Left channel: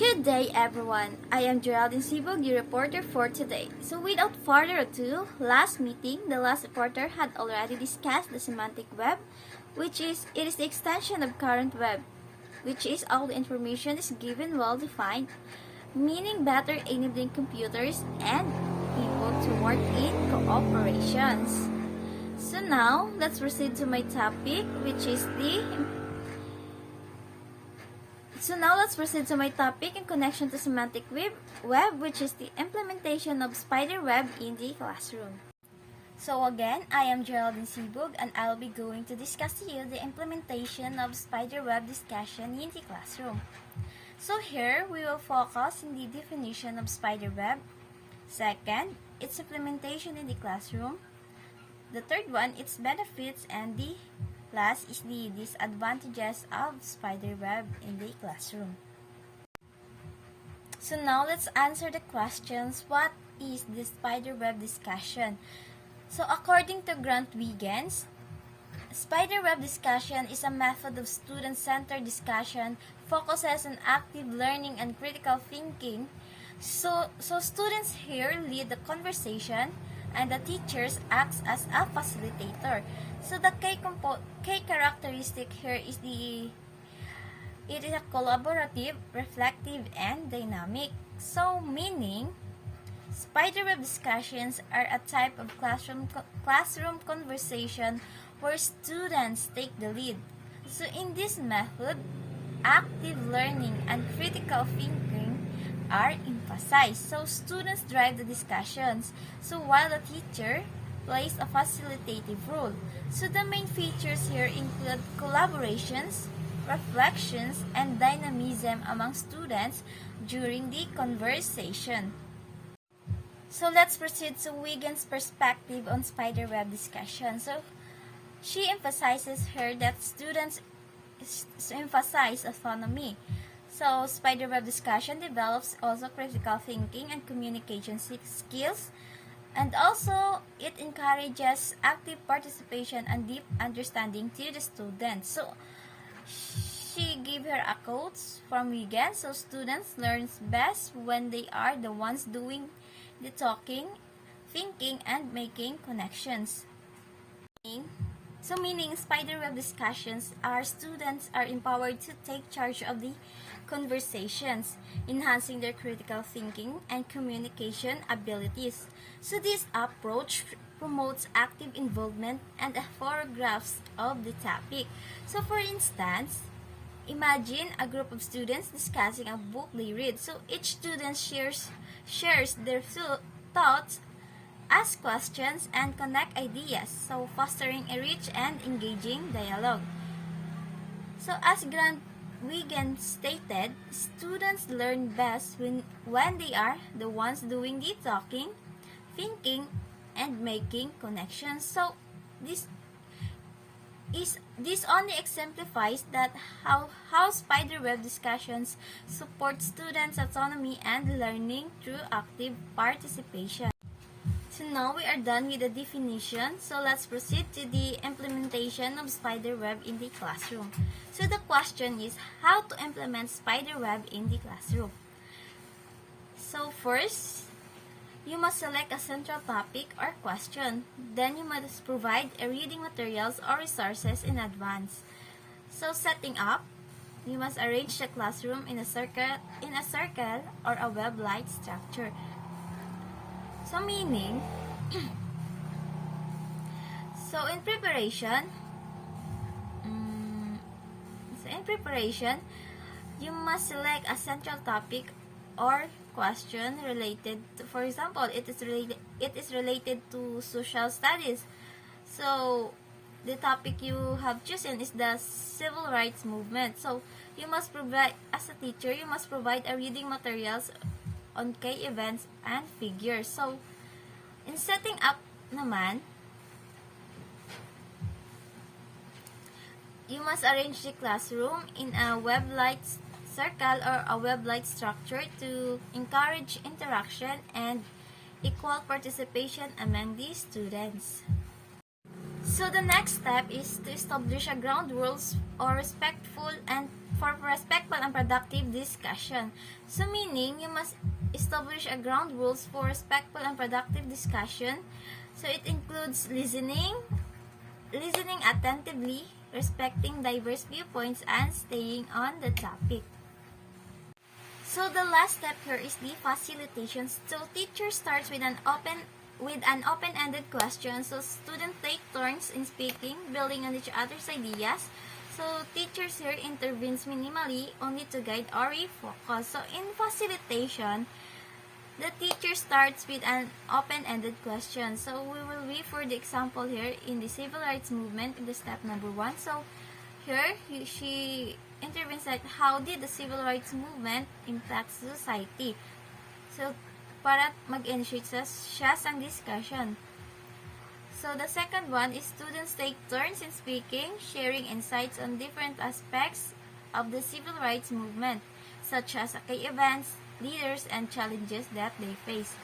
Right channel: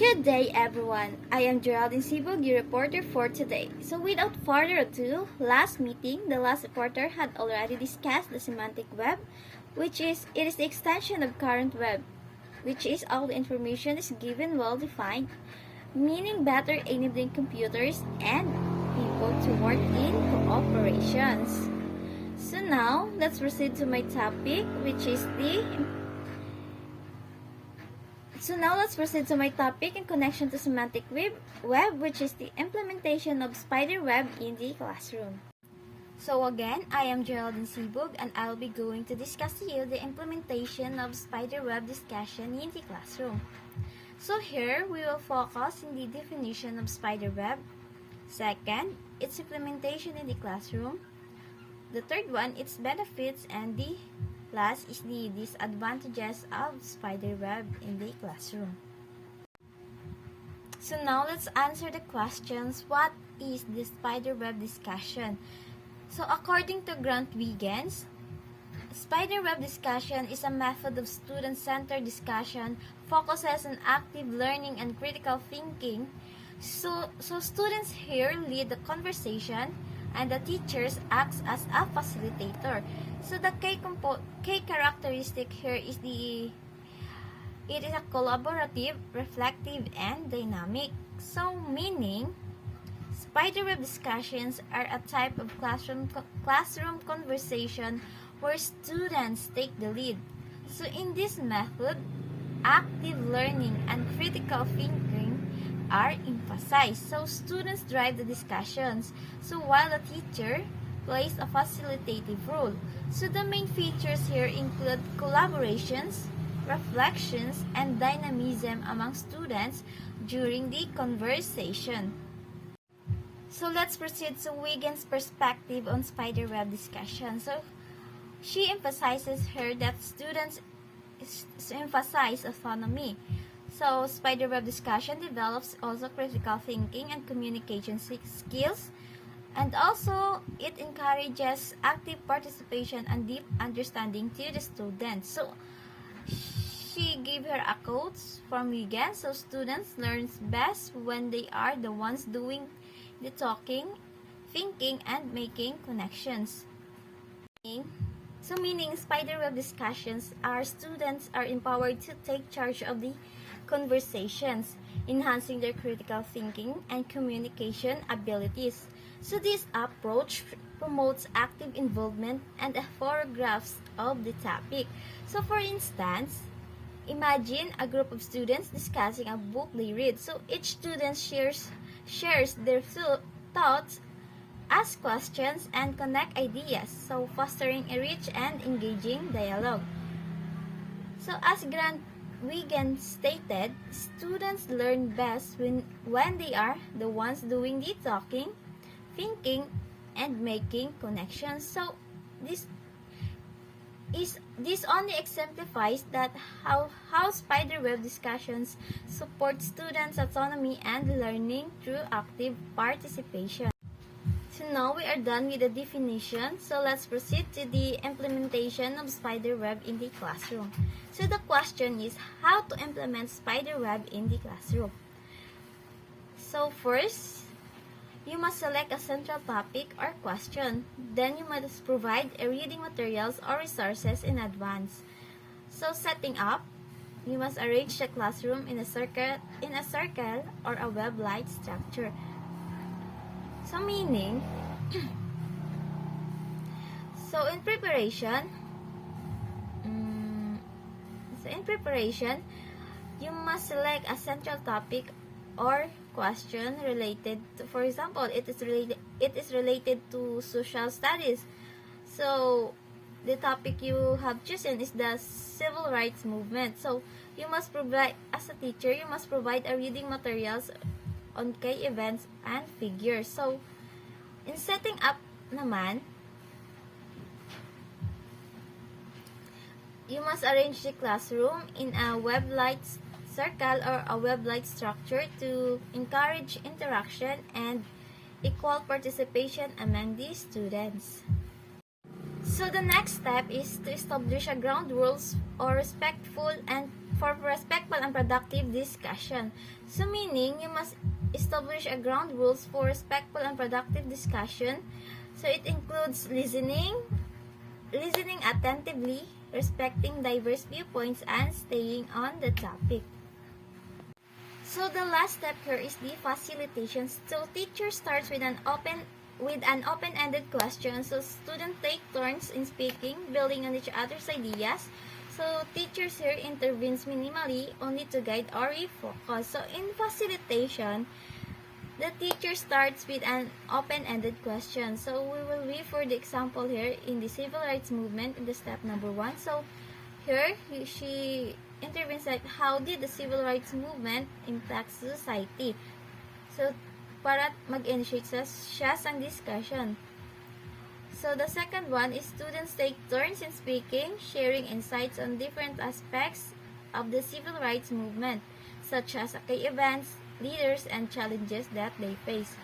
Good day, everyone. I am Geraldine Sibog, your reporter for today. So, without further ado, last meeting, the last reporter had already discussed the semantic web, which is the extension of current web, which is all the information is given well defined, meaning better enabling computers and people to work in cooperations. So now, let's proceed to my topic, which is the So now let's proceed to my topic in connection to semantic web, which is the implementation of spider web in the classroom. So again, I am Geraldine Sibug and I'll be going to discuss to you the implementation of spider web discussion in the classroom. So here, we will focus on the definition of spider web. Second, its implementation in the classroom. The third one, its benefits, and the last is the disadvantages of spider web in the classroom. So now let's answer the questions. What is the spider web discussion? So according to Grant Wiggins, spider web discussion is a method of student-centered discussion, focuses on active learning and critical thinking. So students here lead the conversation and the teachers acts as a facilitator. So the key characteristic here is it is a collaborative, reflective, and dynamic. So meaning, spider web discussions are a type of classroom conversation where students take the lead. So in this method, active learning and critical thinking are emphasized. So students drive the discussions. So while the teacher plays a facilitative role. So the main features here include collaborations, reflections, and dynamism among students during the conversation. So let's proceed to Wiggins' perspective on spider web discussion. So she emphasizes here that students emphasize autonomy. So spider web discussion develops also critical thinking and communication skills. And also, it encourages active participation and deep understanding to the students. So, she gave her a quote from Wiggins. So, students learn best when they are the ones doing the talking, thinking, and making connections. So, meaning spider web discussions, our students are empowered to take charge of the conversations, enhancing their critical thinking and communication abilities. So this approach promotes active involvement and photographs of the topic. So for instance, imagine a group of students discussing a book they read. So each student shares their thoughts, asks questions, and connect ideas. So fostering a rich and engaging dialogue. So as Grant Wiggins stated, students learn best when they are the ones doing the talking, thinking, and making connections. So this only exemplifies that how spider web discussions support students' autonomy and learning through active participation. So now we are done with the definition. So let's proceed to the implementation of spider web in the classroom. So the question is how to implement spider web in the classroom. So first, you must select a central topic or question. Then you must provide a reading materials or resources in advance. So setting up, you must arrange the classroom in a circle or a web-like structure. So meaning, so in preparation, you must select a central topic or question related to, for example, it is related to social studies. So the topic you have chosen is the civil rights movement. So you must provide, as a teacher, you must provide a reading materials on key events and figures. So in setting up naman, you must arrange the classroom in a web-like circle or a web-like structure to encourage interaction and equal participation among the students. So the next step is to establish a ground rules or respectful and productive discussion. So meaning you must establish a ground rules for respectful and productive discussion. So it includes listening attentively, respecting diverse viewpoints, and staying on the topic. So the last step here is the facilitation. So teacher starts with an open-ended question. So students take turns in speaking, building on each other's ideas. So teachers here intervenes minimally only to guide or refocus. So in facilitation, the teacher starts with an open-ended question. So we will refer the example here in the civil rights movement in the step number 1. So here she intervenes at how did the civil rights movement impact society. So para mag-initiate siya sa discussion. So the second one is students take turns in speaking, sharing insights on different aspects of the civil rights movement, such as key events, leaders, and challenges that they face.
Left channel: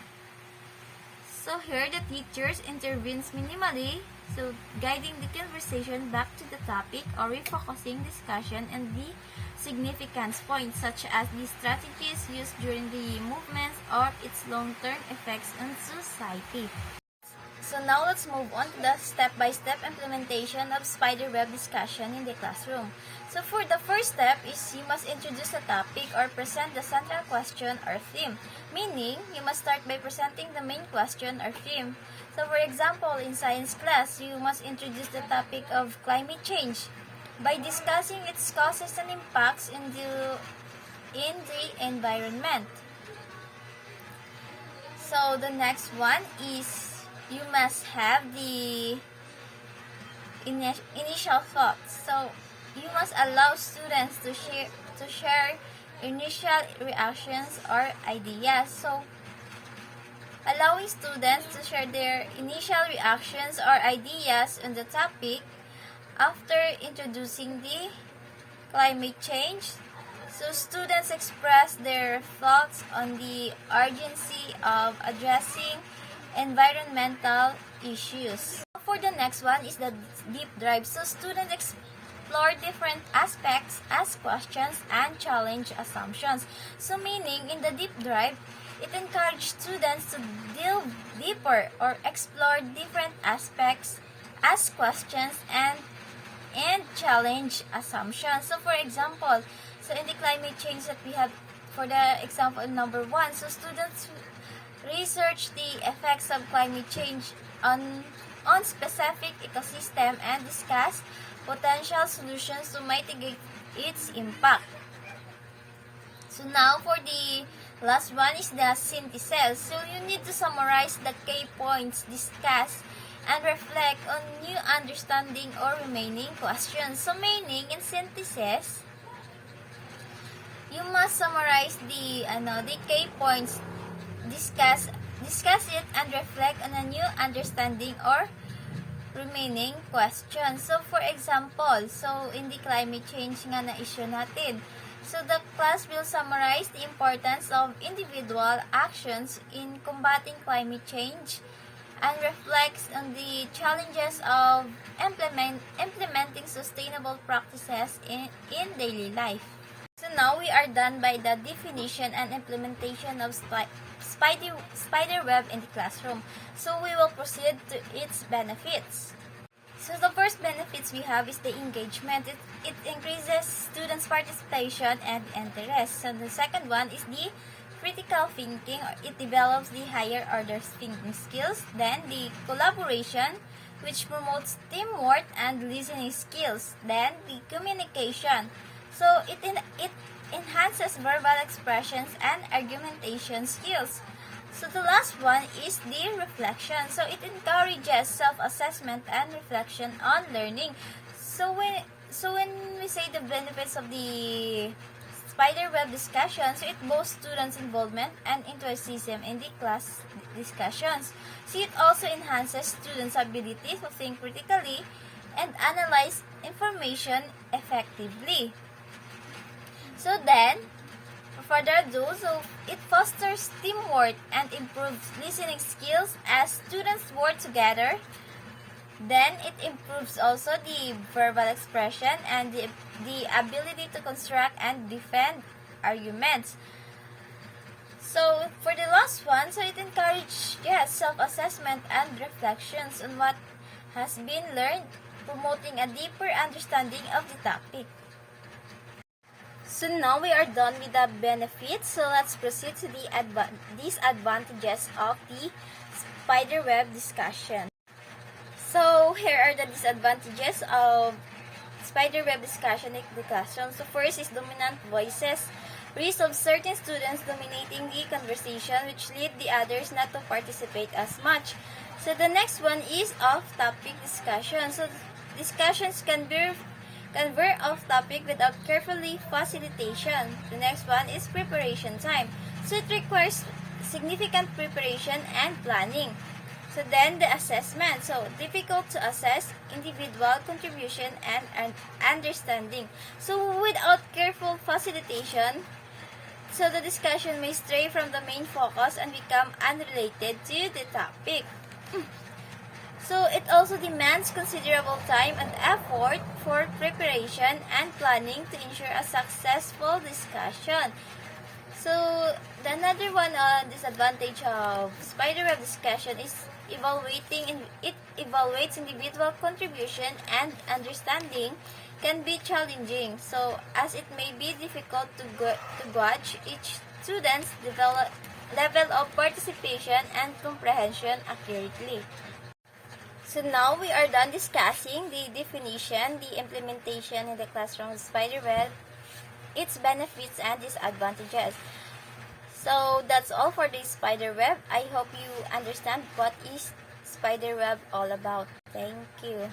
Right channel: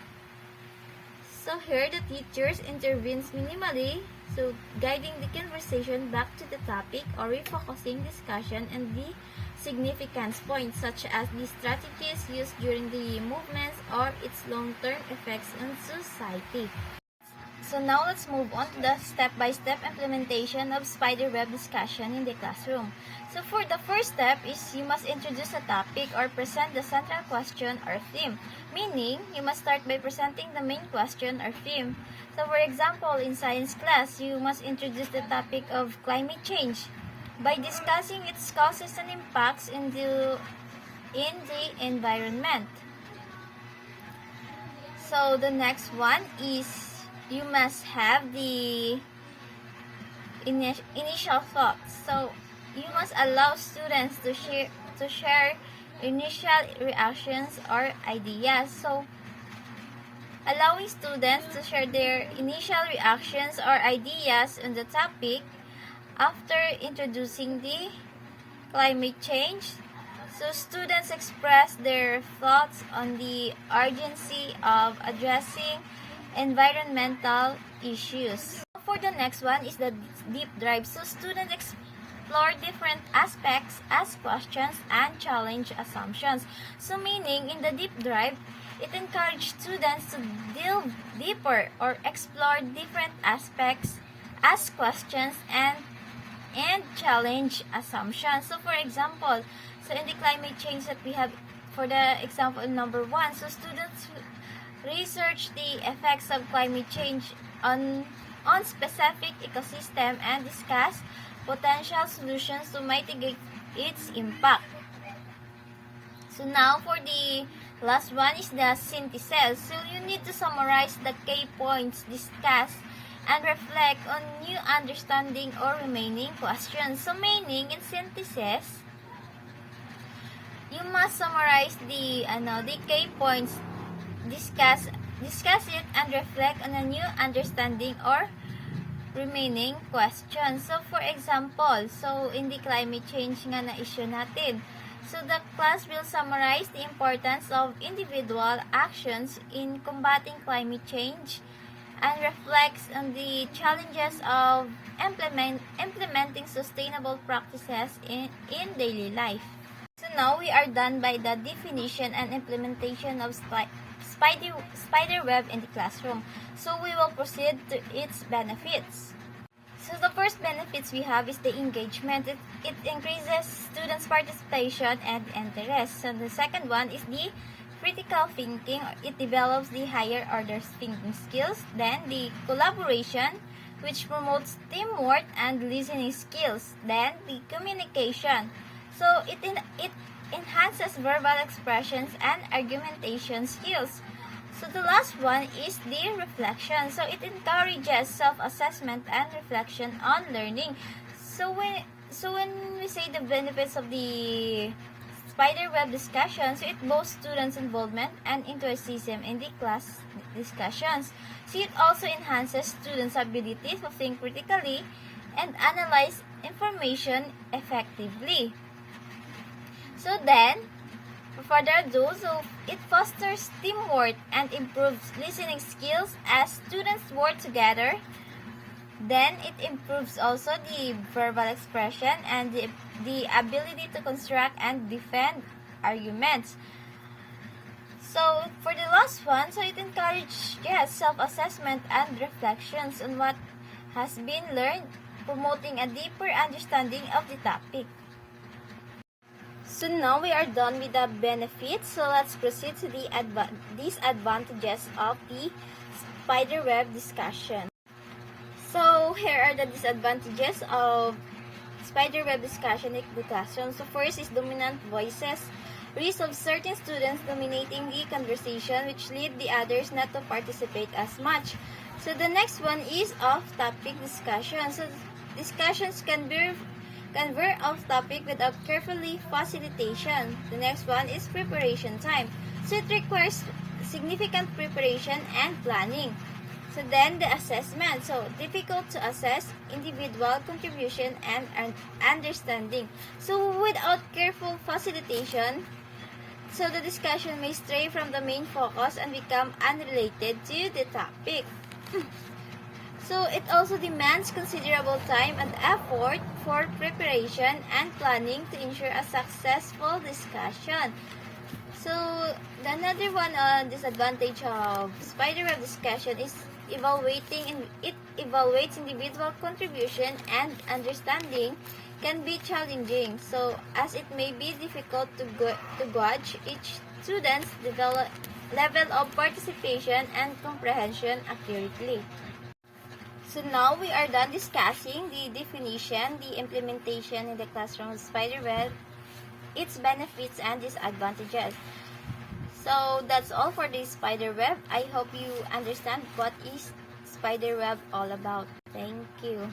So here the teachers intervenes minimally, so guiding the conversation back to the topic or refocusing discussion and the significance points such as the strategies used during the movements or its long-term effects on society. So now let's move on to the step-by-step implementation of spiderweb discussion in the classroom. So for the first step is you must introduce a topic or present the central question or theme. Meaning, you must start by presenting the main question or theme. So for example, in science class, you must introduce the topic of climate change by discussing its causes and impacts in the environment. So the next one is you must have the initial thoughts. So you must allow students to share initial reactions or ideas. So allowing students to share their initial reactions or ideas on the topic after introducing the climate change. So students express their thoughts on the urgency of addressing environmental issues. For the next one is the deep dive. So students explore different aspects, ask questions, and challenge assumptions. So meaning in the deep dive, it encourages students to delve deeper or explore different aspects, ask questions, and challenge assumptions. So for example, so in the climate change that we have for the example number 1, so students research the effects of climate change on specific ecosystem and discuss potential solutions to mitigate its impact. So now for the last one is the synthesis. So you need to summarize the key points discussed and reflect on new understanding or remaining questions. So meaning in synthesis, you must summarize the key points, discuss it and reflect on a new understanding or remaining questions. So for example, so in the climate change nga na issue natin, so the class will summarize the importance of individual actions in combating climate change and reflects on the challenges of implementing sustainable practices in daily life. So now we are done by the definition and implementation of spiderweb in the classroom. So we will proceed to its benefits. So the first benefits we have is the engagement. It increases students' participation and interest. So the second one is the critical thinking. It develops the higher order thinking skills. Then the collaboration, which promotes teamwork and listening skills. Then the communication. So it enhances verbal expressions and argumentation skills. So the last one is the reflection. So it encourages self-assessment and reflection on learning. So when we say the benefits of the spiderweb discussion, so it boasts students' involvement and enthusiasm in the class discussions. So it also enhances students' ability to think critically and analyze information effectively. So then, further ado, so it fosters teamwork and improves listening skills as students work together Then it improves also the verbal expression and the ability to construct and defend arguments. So for the last one, so it encourages self-assessment and reflections on what has been learned, promoting a deeper understanding of the topic. So now we are done with the benefits. So let's proceed to the disadvantages of the spiderweb discussion. So here are the disadvantages of spiderweb discussion in the classroom. So first is dominant voices. Risk of certain students dominating the conversation, which lead the others not to participate as much. So the next one is off-topic discussion. So discussions can veer off topic without carefully facilitation. The next one is preparation time. So it requires significant preparation and planning. So then the assessment. So difficult to assess individual contribution and understanding. So without careful facilitation, so the discussion may stray from the main focus and become unrelated to the topic. So it also demands considerable time and effort for preparation and planning to ensure a successful discussion. So the another one disadvantage of spiderweb discussion is it evaluates individual contribution and understanding can be challenging. So as it may be difficult to gauge each student's level of participation and comprehension accurately. So now we are done discussing the definition, the implementation in the classroom of spiderweb, its benefits and disadvantages. So that's all for this spiderweb. I hope you understand what is spiderweb all about. Thank you.